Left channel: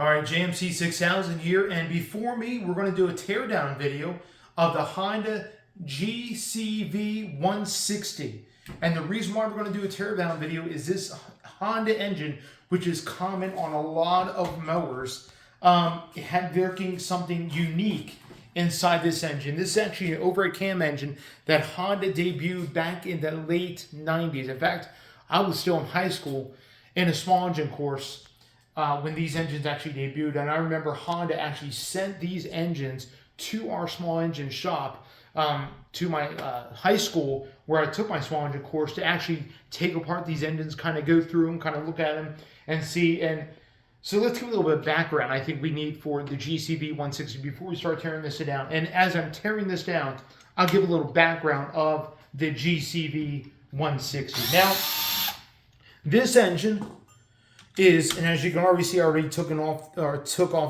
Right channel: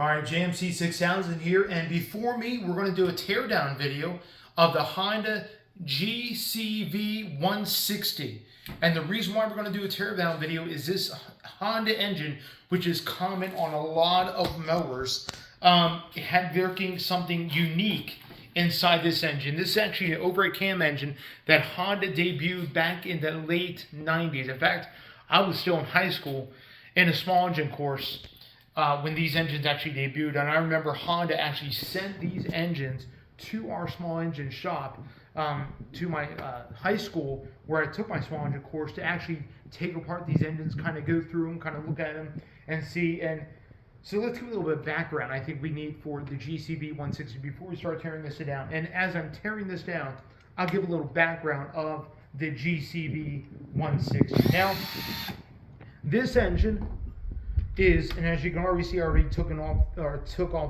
All right, jmcGarage here, and before me, we're going to do a teardown video of the Honda GCV160. And the reason why we're going to do a teardown video is this Honda engine, which is common on a lot of mowers, it had working something unique inside this engine. This is actually an overhead cam engine that Honda debuted back in the late 90s. In fact, I was still in high school in a small engine course when these engines actually debuted, and I remember Honda actually sent these engines to our small engine shop, to my high school where I took my small engine course, to actually take apart these engines, kind of go through them, kind of look at them and see. And so let's give a little bit of background I think we need for the GCV160 before we start tearing this down. And as I'm tearing this down, I'll give a little background of the GCV160. Now, this engine is, and as you can already see, I already took off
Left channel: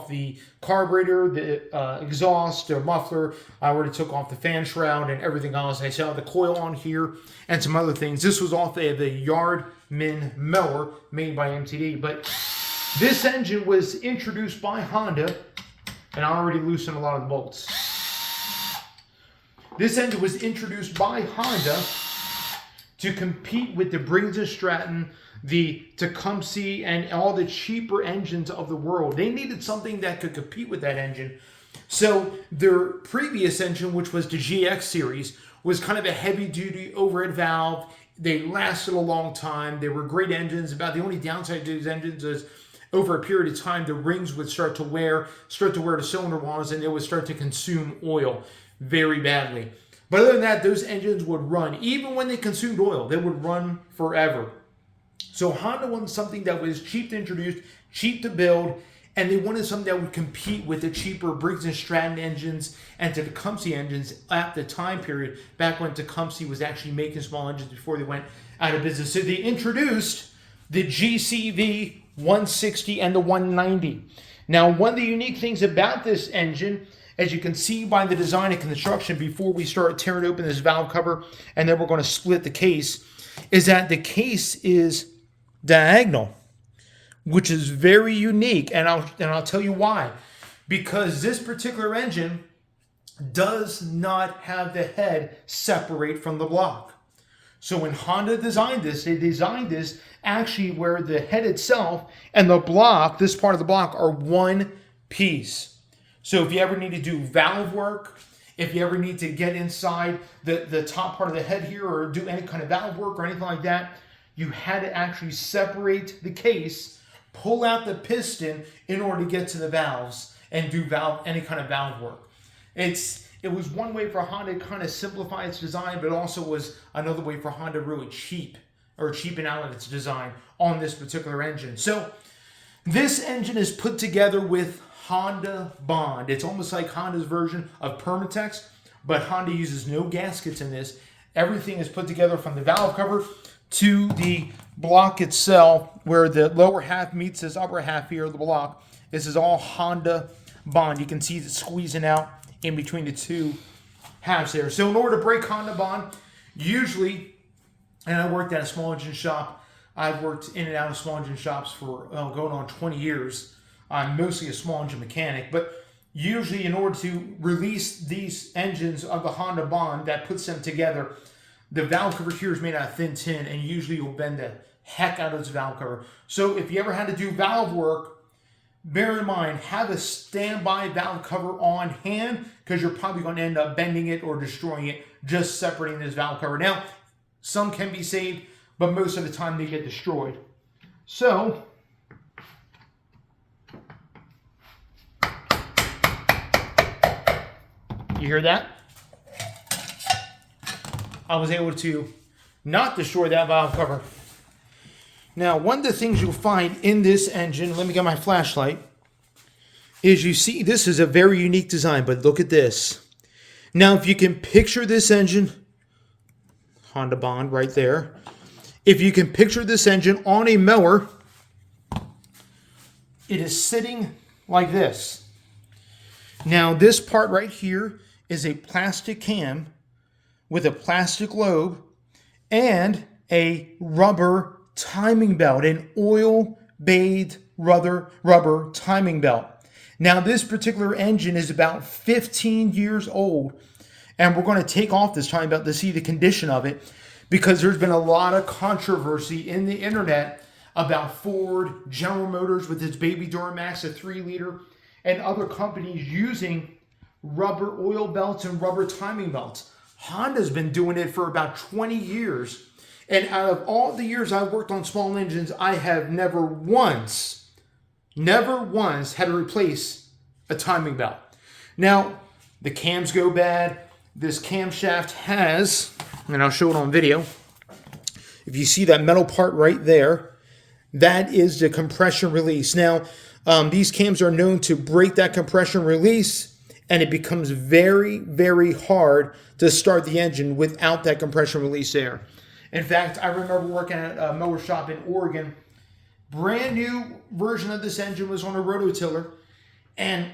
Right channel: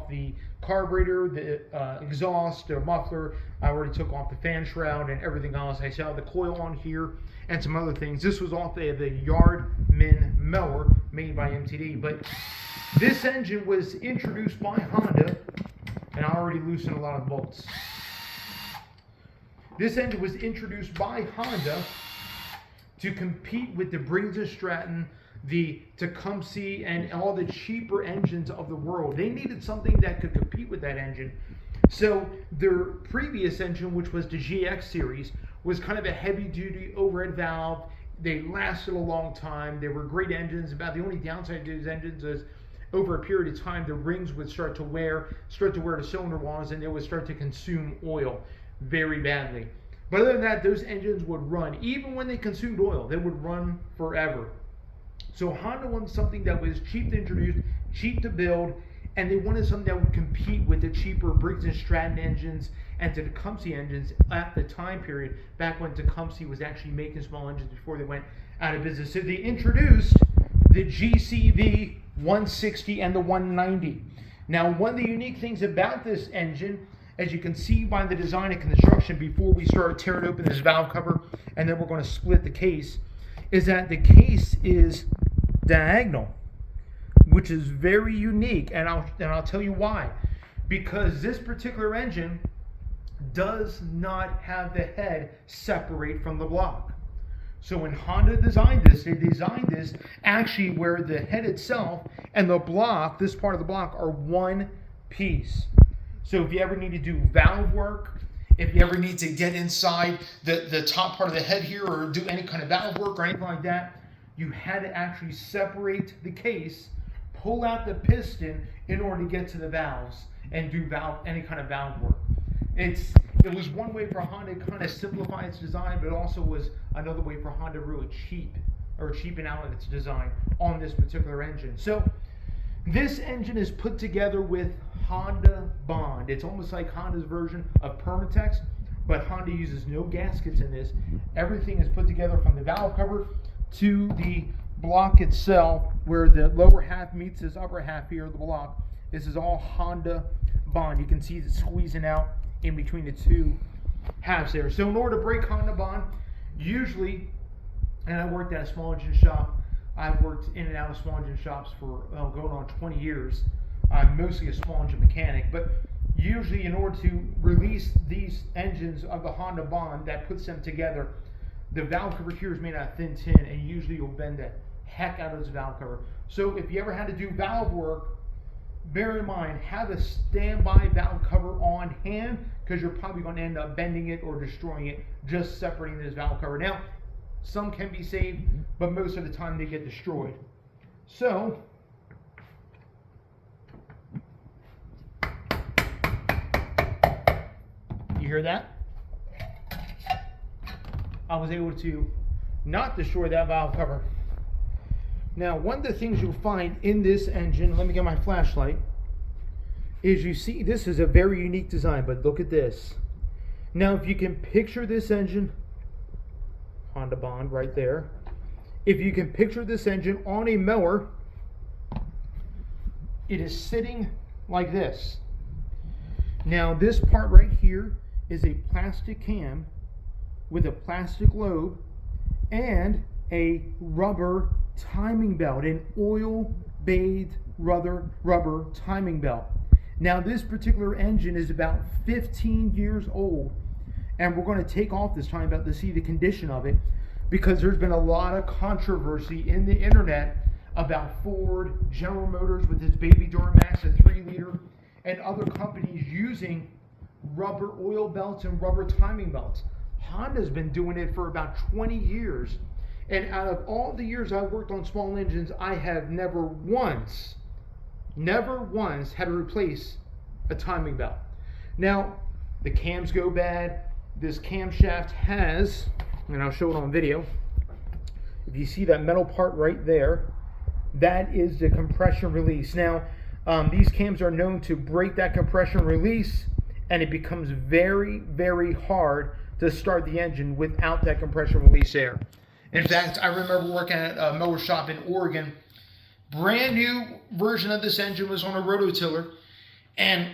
the carburetor, the exhaust, the muffler. I already took off the fan shroud and everything else. I still have the coil on here and some other things. This was off the Yardman mower made by MTD. But this engine was introduced by Honda, and I already loosened a lot of the bolts. This engine was introduced by Honda to compete with the Briggs & Stratton, the Tecumseh, and all the cheaper engines of the world. They needed something that could compete with that engine. So their previous engine, which was the GX series, was kind of a heavy-duty overhead valve. They lasted a long time. They were great engines. About the only downside to these engines is over a period of time, the rings would start to wear the cylinder walls, and they would start to consume oil very badly. But other than that, those engines would run. Even when they consumed oil, they would run forever. So Honda wanted something that was cheap to introduce, cheap to build, and they wanted something that would compete with the cheaper Briggs & Stratton engines and the Tecumseh engines at the time period, back when Tecumseh was actually making small engines before they went out of business. So they introduced the GCV160 and the 190. Now, one of the unique things about this engine, as you can see by the design and construction before we start tearing open this valve cover, and then we're going to split the case, is that the case is diagonal, which is very unique, and I'll tell you why. Because this particular engine does not have the head separate from the block. So when Honda designed this, they designed this actually where the head itself and the block, this part of the block, are one piece. So if you ever need to do valve work, if you ever need to get inside the top part of the head here or do any kind of valve work or anything like that, you had to actually separate the case, pull out the piston in order to get to the valves and do any kind of valve work. It was one way for Honda to kind of simplify its design, but also was another way for Honda to really cheapen out its design on this particular engine. So this engine is put together with Honda Bond. It's almost like Honda's version of Permatex, but Honda uses no gaskets in this. Everything is put together from the valve cover to the block itself, where the lower half meets this upper half here of the block. This is all Honda Bond. You can see it squeezing out in between the two halves there. So in order to break Honda Bond, usually, and I worked at a small engine shop, I've worked in and out of small engine shops for going on 20 years. I'm mostly a small engine mechanic, but usually in order to release these engines of the Honda Bond that puts them together, the valve cover here is made out of thin tin, and usually you'll bend the heck out of this valve cover. So if you ever had to do valve work, bear in mind, have a standby valve cover on hand, because you're probably going to end up bending it or destroying it just separating this valve cover. Now, some can be saved, but most of the time they get destroyed. So you hear that? I was able to not destroy that valve cover. Now, one of the things you'll find in this engine, let me get my flashlight, is you see this is a very unique design, but look at this. Now, if you can picture this engine, Honda Bond right there, if you can picture this engine on a mower, it is sitting like this. Now, this part right here is a plastic cam with a plastic lobe and a rubber timing belt, an oil-bathed rubber timing belt. Now this particular engine is about 15 years old, and we're going to take off this timing belt to see the condition of it, because there's been a lot of controversy in the internet about Ford, General Motors with its baby Duramax, a 3-liter, and other companies using rubber oil belts and rubber timing belts. Honda's been doing it for about 20 years. And out of all the years I've worked on small engines, I have never once had to replace a timing belt. Now, the cams go bad. This camshaft has, and I'll show it on video, if you see that metal part right there, that is the compression release. Now, these cams are known to break that compression release, and it becomes very, very hard to start the engine without that compression release there. In fact, I remember working at a mower shop in Oregon. Brand new version of this engine was on a rototiller, and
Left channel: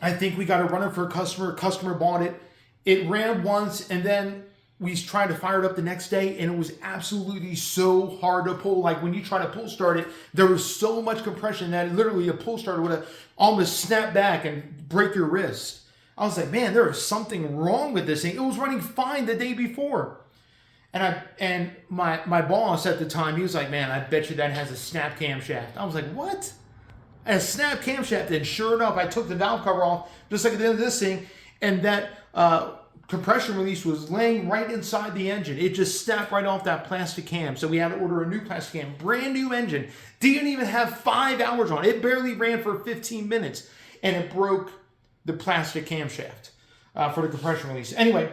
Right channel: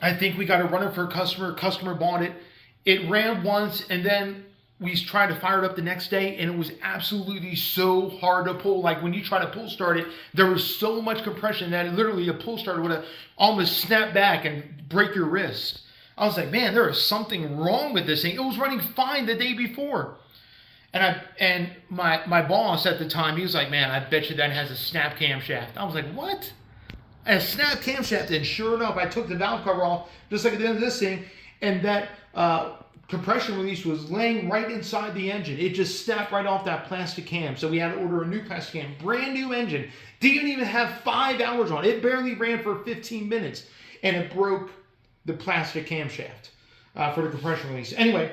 I think we got it running for a customer. Customer bought it. It ran once, and then we tried to fire it up the next day, and it was absolutely so hard to pull. Like when you try to pull start it, there was so much compression that literally a pull starter would have almost snapped back and break your wrist. I was like, man, there is something wrong with this thing. It was running fine the day before. And my boss at the time, he was like, man, I bet you that has a snap camshaft. I was like, what? A snap camshaft. And sure enough, I took the valve cover off, just like at the end of this thing, and that compression release was laying right inside the engine. It just snapped right off that plastic cam. So we had to order a new plastic cam. Brand new engine. Didn't even have 5 hours on it. It barely ran for 15 minutes. And it broke the plastic camshaft for the compression release. Anyway,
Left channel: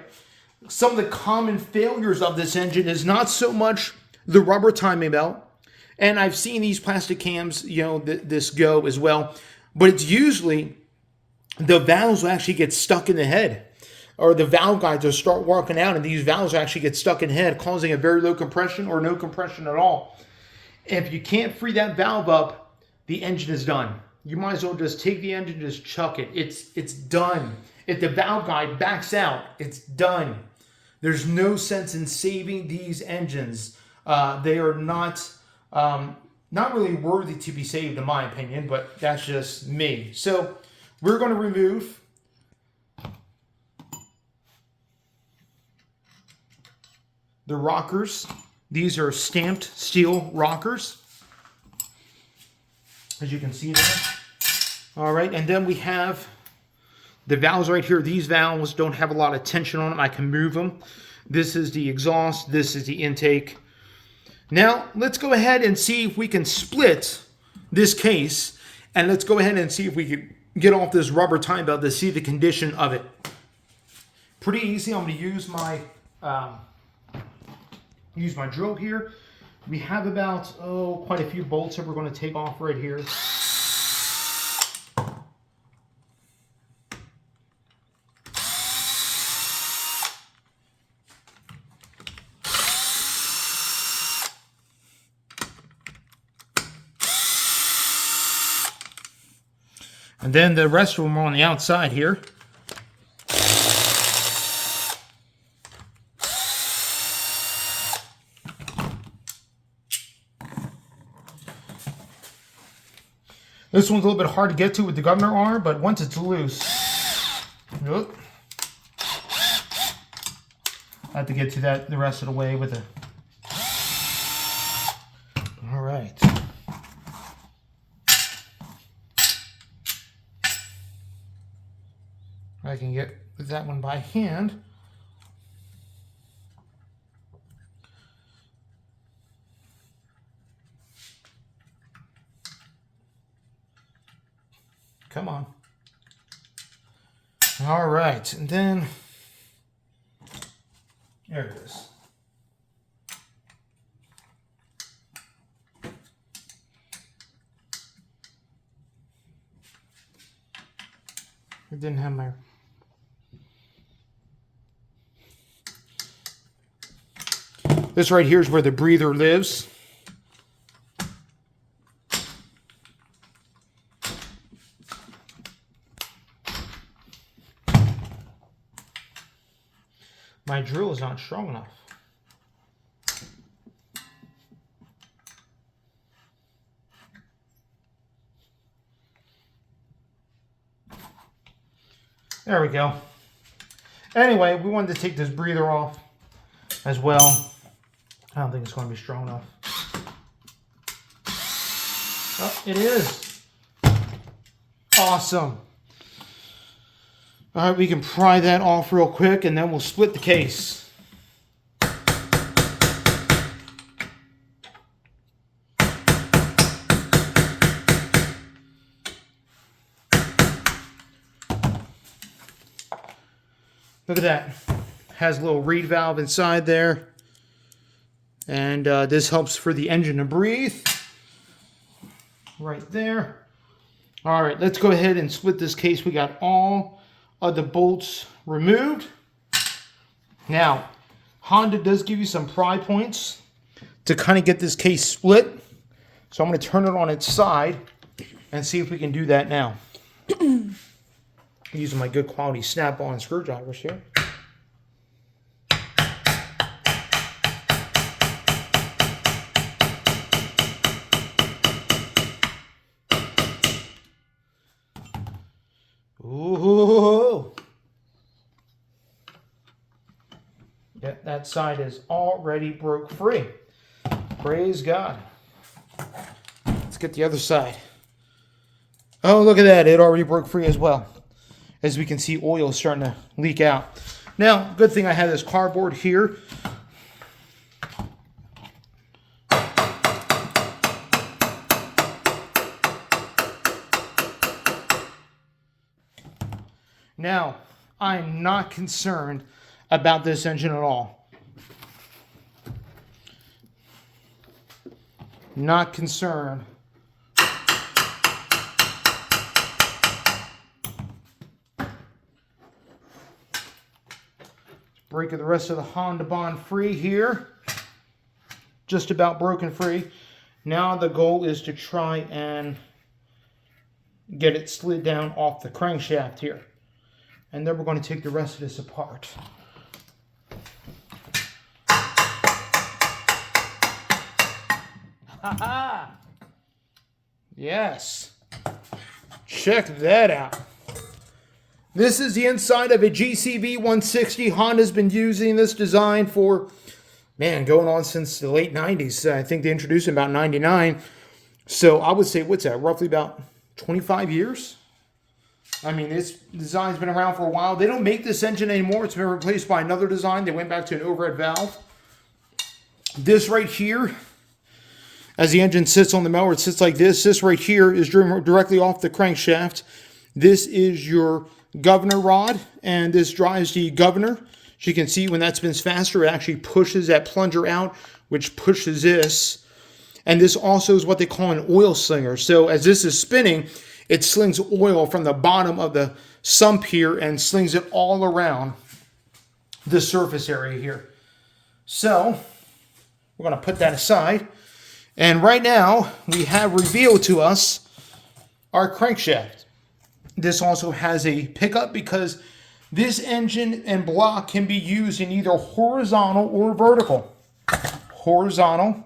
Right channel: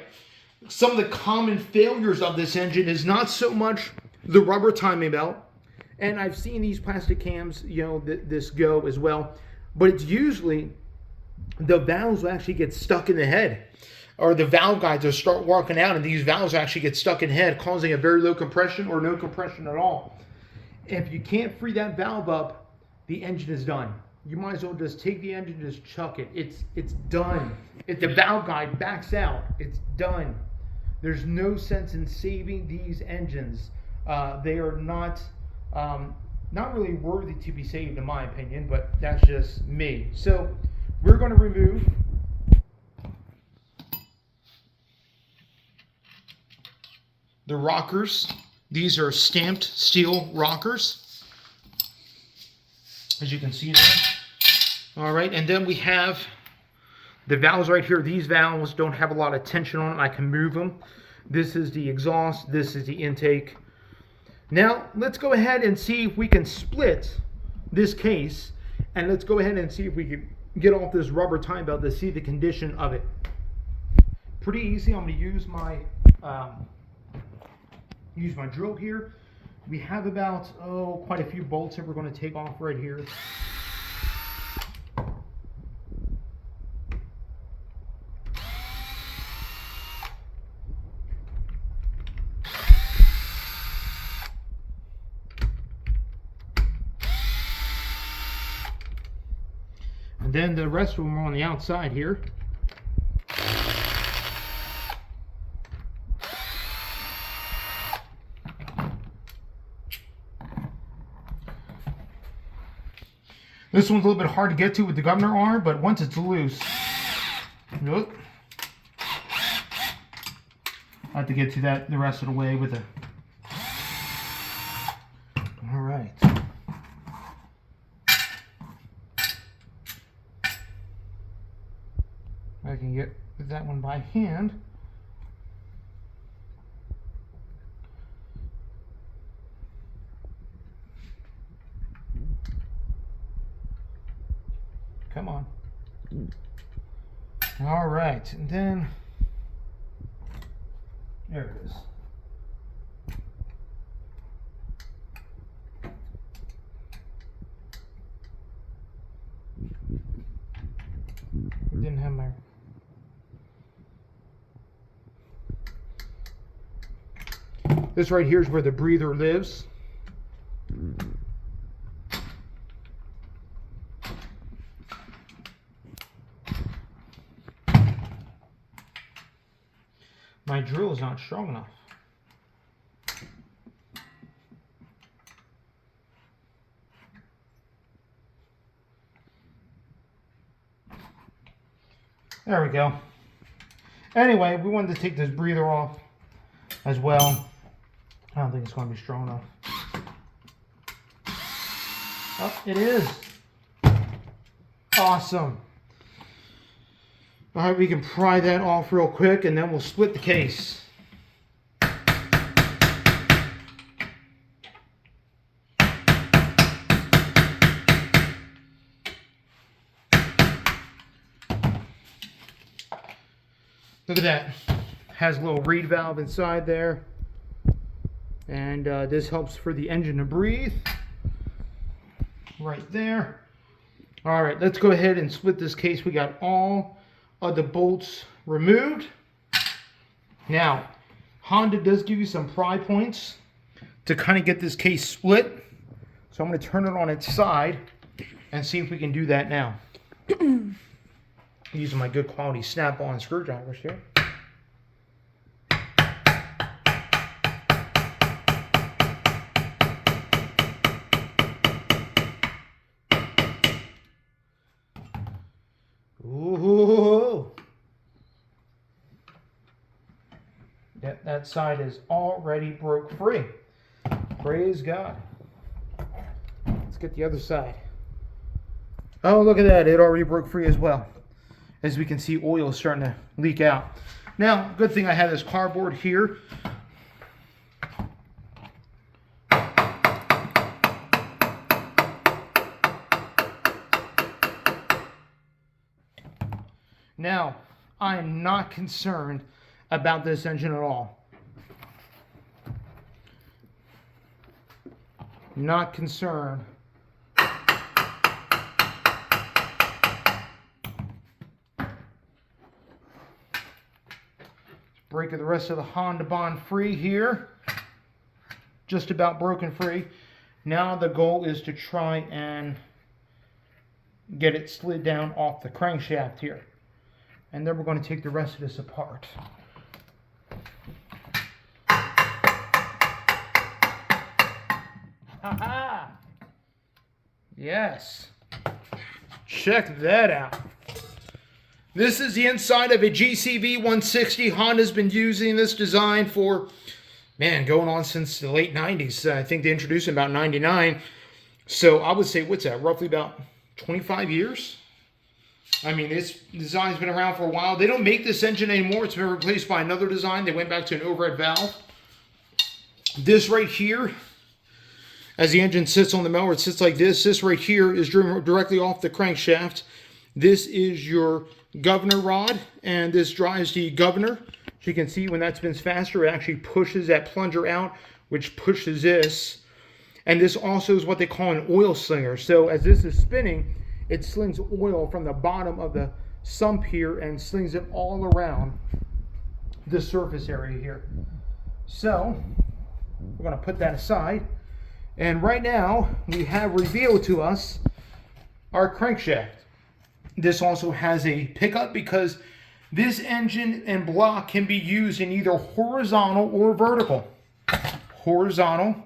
some of the common failures of this engine is not so much the rubber timing belt, and I've seen these plastic cams, this go as well, but it's usually the valves will actually get stuck in the head, or the valve guides will start walking out, and these valves actually get stuck in the head, causing a very low compression or no compression at all. If you can't free that valve up, the engine is done. You might as well just take the engine and just chuck it. It's done. If the valve guide backs out, it's done. There's no sense in saving these engines. They are not really worthy to be saved, in my opinion, but that's just me. So we're going to remove the rockers. These are stamped steel rockers, as you can see there. All right, and then we have the valves right here. These valves don't have a lot of tension on them. I can move them. This is the exhaust. This is the intake. Now, let's go ahead and see if we can split this case, and let's go ahead and see if we can get off this rubber timing belt to see the condition of it. Pretty easy. I'm going to use my drill here. We have about, quite a few bolts that we're going to take off right here. And then the rest of them are on the outside here. This one's a little bit hard to get to with the governor arm, but once it's loose, I have to get to that the rest of the way with it. All right. I can get that one by hand. Come on. All right, and then there it is. It didn't have my... This right here is where the breather lives. My drill is not strong enough. There we go. Anyway, we wanted to take this breather off as well. I don't think it's going to be strong enough. Oh, it is. Awesome. All right, we can pry that off real quick and then we'll split the case. Look at that. Has a little reed valve inside there. And this helps for the engine to breathe. Right there. All right, let's go ahead and split this case. We got all of the bolts removed. Now, Honda does give you some pry points to kind of get this case split. So I'm going to turn it on its side and see if we can do that now. Using my good quality snap-on screwdrivers here. Ooh. That side is already broke free. Praise God. Let's get the other side. Oh, look at that. It already broke free as well. As we can see, oil is starting to leak out. Now, good thing I have this cardboard here. Now, I'm not concerned about this engine at all. Not concerned. Breaking the rest of the Honda bond free here. Just about broken free. Now the goal is to try and get it slid down off the crankshaft here. And then we're going to take the rest of this apart. Ha-ha! Yes. Check that out. This is the inside of a GCV160. Honda's been using this design for, man, going on since the late 90s. I think they introduced it in about 99. So I would say, what's that, roughly about 25 years? I mean, this design's been around for a while. They don't make this engine anymore. It's been replaced by another design. They went back to an overhead valve. This right here, as the engine sits on the mower, it sits like this. This right here is driven directly off the crankshaft. This is your governor rod, and this drives the governor. As you can see, when that spins faster, it actually pushes that plunger out, which pushes this. And this also is what they call an oil slinger. So as this is spinning, it slings oil from the bottom of the sump here and slings it all around the surface area here. So we're going to put that aside. And right now, we have revealed to us our crankshaft. This also has a pickup because this engine and block can be used in either horizontal or vertical. Horizontal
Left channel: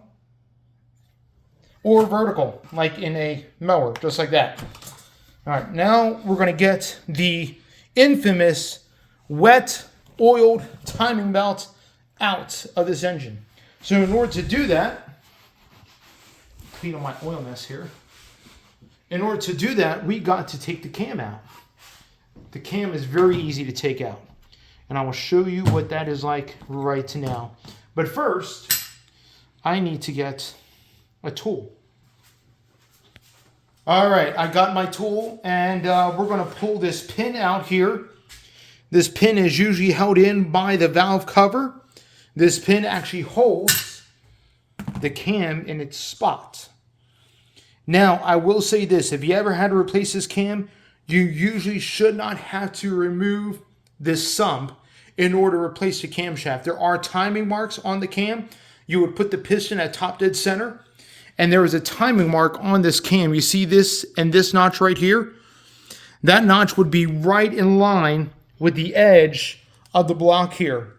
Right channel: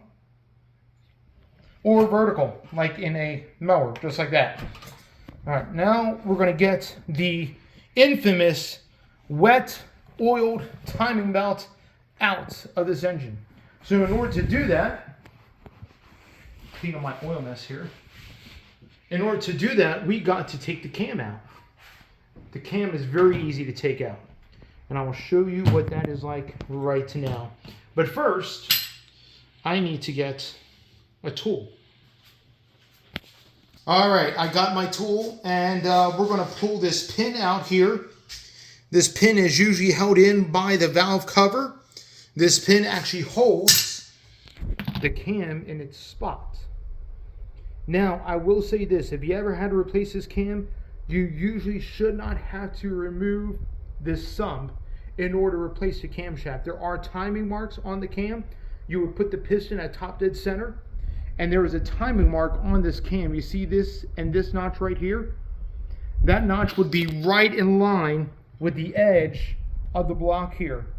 or vertical, like in a mower, just like that. All right, now we're going to get the infamous wet oiled timing belt out of this engine. So in order to do that, clean up my oil mess here. In order to do that, we got to take the cam out. The cam is very easy to take out. And I will show you what that is like right now. But first, I need to get a tool. All right, I got my tool, and we're going to pull this pin out here. This pin is usually held in by the valve cover. This pin actually holds the cam in its spot. Now, I will say this. If you ever had to replace this cam, you usually should not have to remove this sump in order to replace the camshaft. There are timing marks on the cam. You would put the piston at top dead center, and there is a timing mark on this cam. You see this and this notch right here? That notch would be right in line with the edge of the block here.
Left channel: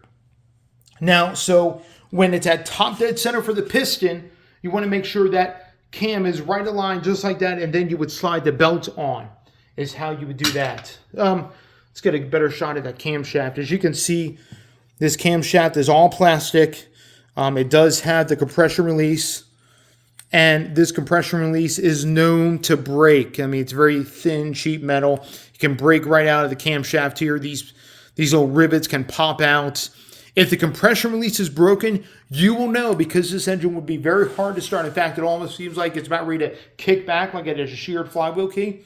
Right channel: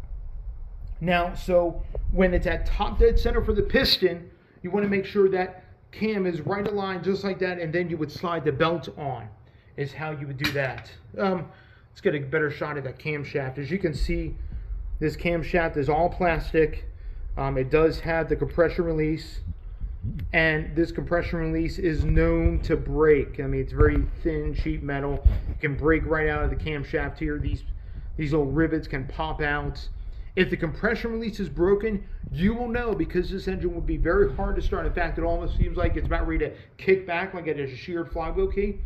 Now, so when it's at top dead center for the piston, you want to make sure that cam is right aligned just like that, and then you would slide the belt on, is how you would do that. let's get a better shot of that camshaft. As you can see, this camshaft is all plastic. It does have the compression release, and this compression release is known to break. I mean, it's very thin, cheap metal. It can break right out of the camshaft here. These little rivets can pop out. If the compression release is broken, you will know, because this engine would be very hard to start. In fact, it almost seems like it's about ready to kick back like it is a sheared flywheel key.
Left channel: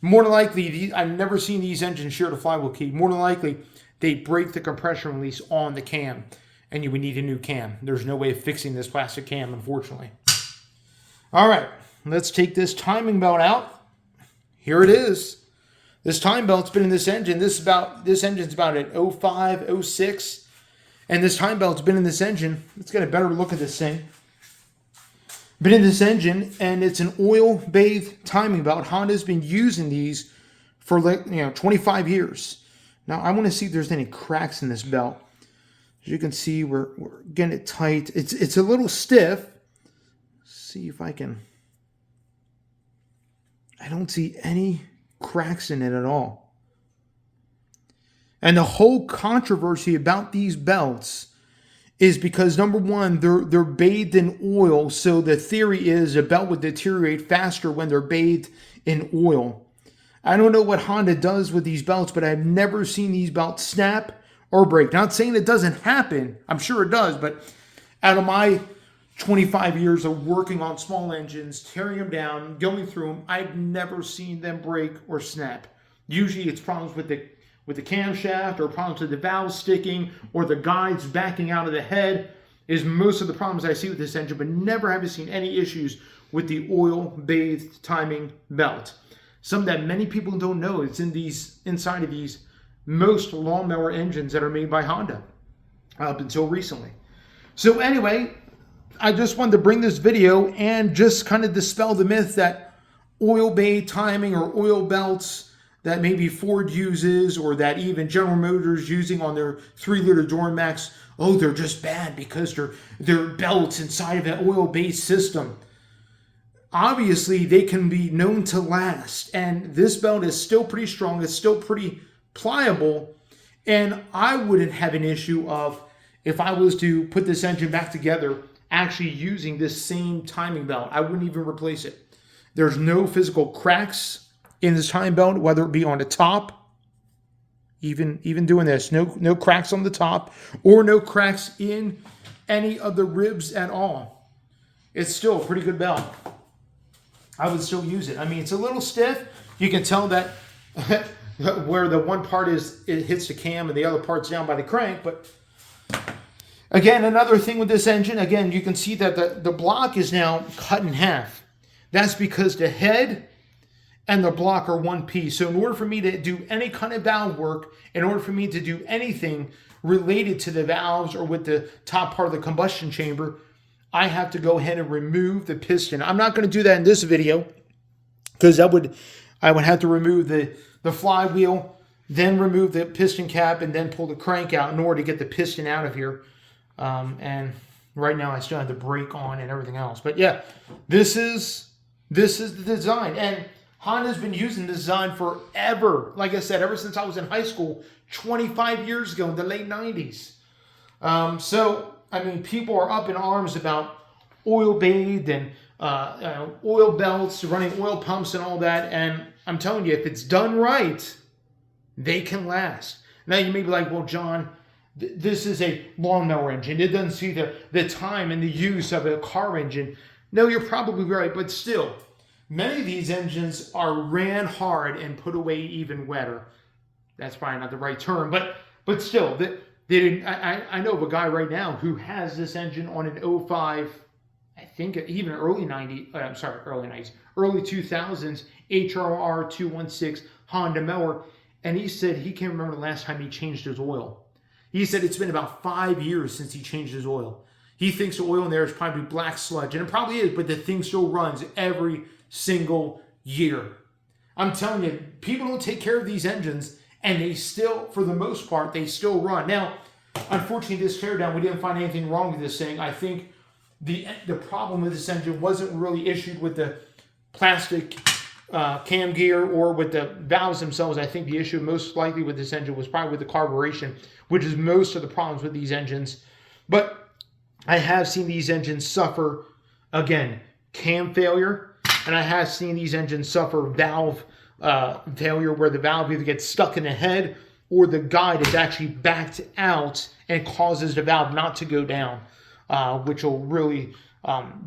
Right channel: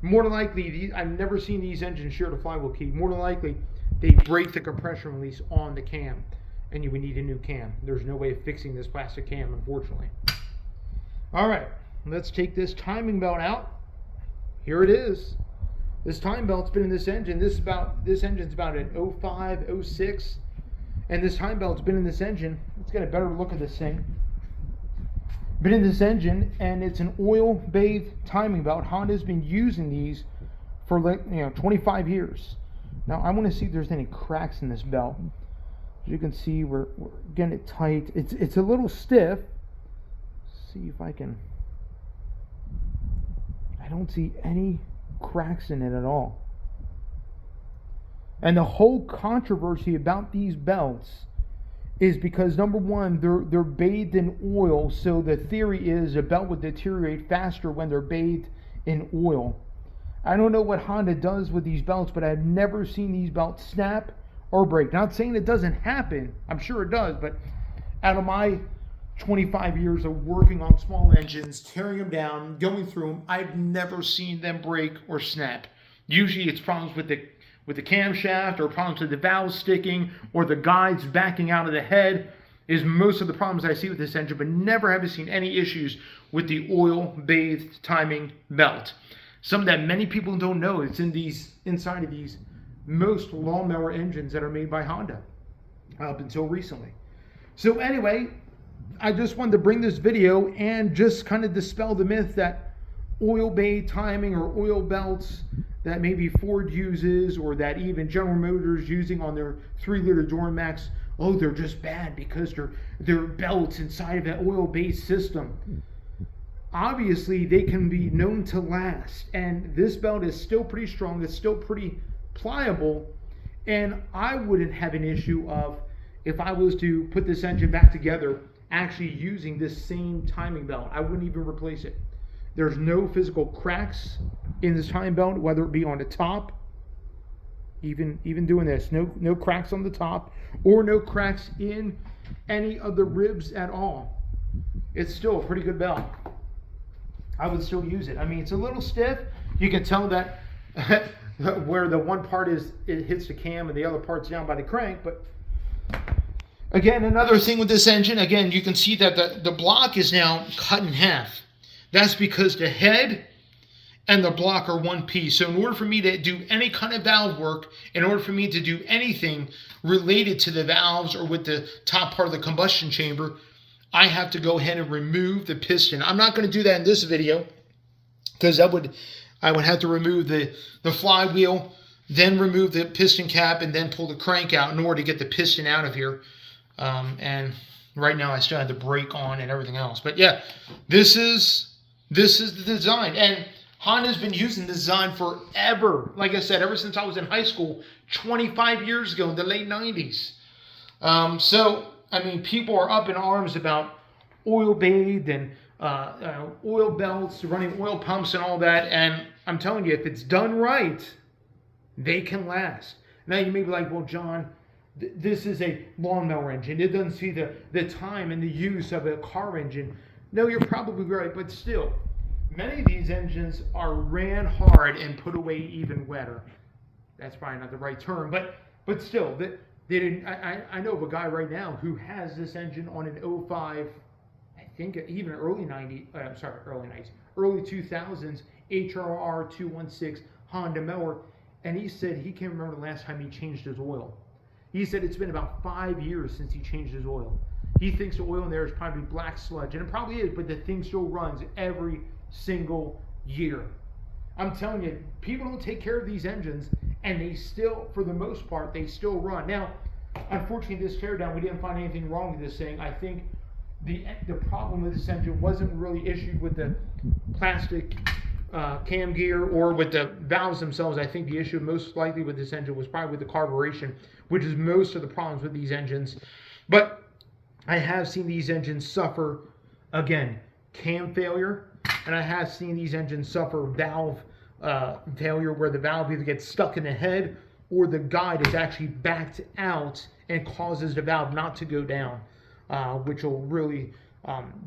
More than likely, I've never seen these engines shear the flywheel key. More than likely, they break the compression release on the cam, and you would need a new cam. There's no way of fixing this plastic cam, unfortunately. All right, let's take this timing belt out. Here it is. This timing belt's been in this engine. This engine's about an 05, 06, and this timing belt's been in this engine. Let's get a better look at this thing. Been in this engine, and it's an oil-bathed timing belt. Honda's been using these for 25 years. Now I want to see if there's any cracks in this belt. As you can see, we're getting it tight. It's a little stiff. See if I can. I don't see any cracks in it at all. And the whole controversy about these belts is because, number one, they're bathed in oil, so the theory is a belt would deteriorate faster when they're bathed in oil. I don't know what Honda does with these belts, but I've never seen these belts snap or break. Not saying it doesn't happen. I'm sure it does, but out of my 25 years of working on small engines, tearing them down, going through them, I've never seen them break or snap. Usually it's problems with the camshaft, or problems with the valves sticking, or the guides backing out of the head is most of the problems I see with this engine, but never have I seen any issues with the oil-bathed timing belt. Something that many people don't know, it's inside of these most lawnmower engines that are made by Honda up until recently. So anyway, I just wanted to bring this video and just kind of dispel the myth that oil-bathed timing or oil belts that maybe Ford uses, or that even General Motors using on their 3-liter Duramax, oh, they're just bad because they're belts inside of an oil-based system. Obviously, they can be known to last, and this belt is still pretty strong. It's still pretty pliable, and I wouldn't have an issue of, if I was to put this engine back together, actually using this same timing belt. I wouldn't even replace it. There's no physical cracks in this timing belt, whether it be on the top, even doing this, no cracks on the top, or no cracks in any of the ribs at all. It's still a pretty good belt. I would still use it. I mean, it's a little stiff. You can tell that where the one part is, it hits the cam and the other part's down by the crank. But again, another thing with this engine, again, you can see that the block is now cut in half. That's because the head and the block are one piece. So in order for me to do any kind of valve work, in order for me to do anything related to the valves or with the top part of the combustion chamber, I have to go ahead and remove the piston. I'm not going to do that in this video, because I would have to remove the flywheel, then remove the piston cap, and then pull the crank out in order to get the piston out of here. And right now I still have the brake on and everything else. But yeah, this is the design. And Honda's been using this design forever. Like I said, ever since I was in high school 25 years ago in the late 90s. So, I mean, people are up in arms about oil-bathed and oil belts, running oil pumps and all that. And I'm telling you, if it's done right, they can last. Now, you may be like, well, John, this is a lawnmower engine. It doesn't see the time and the use of a car engine. No, you're probably right, but still, many of these engines are ran hard and put away even wetter. That's probably not the right term, but still, I know of a guy right now who has this engine on an 05, I think even early 2000s, HRR 216 Honda mower, and he said he can't remember the last time he changed his oil. He said it's been about 5 years since he changed his oil. He thinks the oil in there is probably black sludge, and it probably is, but the thing still runs every single year. I'm telling you, people don't take care of these engines, and they still, for the most part, they still run. Now, unfortunately, this teardown, we didn't find anything wrong with this thing. I think the problem with this engine wasn't really issued with the plastic cam gear or with the valves themselves. I think the issue most likely with this engine was probably with the carburation, which is most of the problems with these engines. But I have seen these engines suffer, again, cam failure, and I have seen these engines suffer valve failure where the valve either gets stuck in the head or the guide is actually backed out and causes the valve not to go down, which will really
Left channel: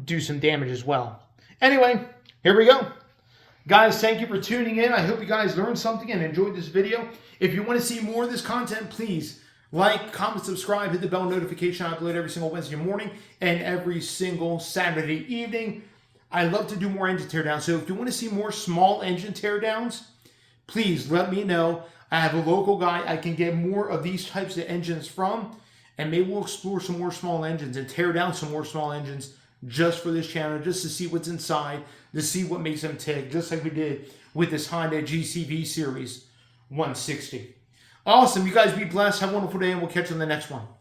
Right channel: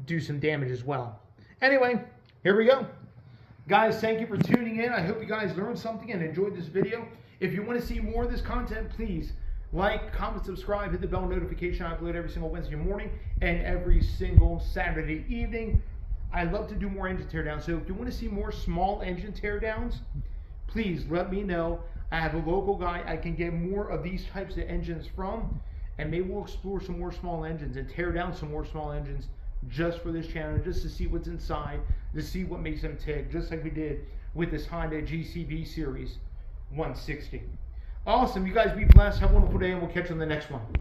do some damage as well. Anyway, here we go. Guys, thank you for tuning in. I hope you guys learned something and enjoyed this video. If you want to see more of this content, please like, comment, subscribe, hit the bell notification. I upload every single Wednesday morning and every single Saturday evening. I love to do more engine teardowns, so if you want to see more small engine teardowns, please let me know. I have a local guy I can get more of these types of engines from, and maybe we'll explore some more small engines and tear down some more small engines just for this channel, just to see what's inside, to see what makes them tick, just like we did with this Honda GCV Series 160. Awesome. You guys be blessed. Have a wonderful day, and we'll catch you on the next one.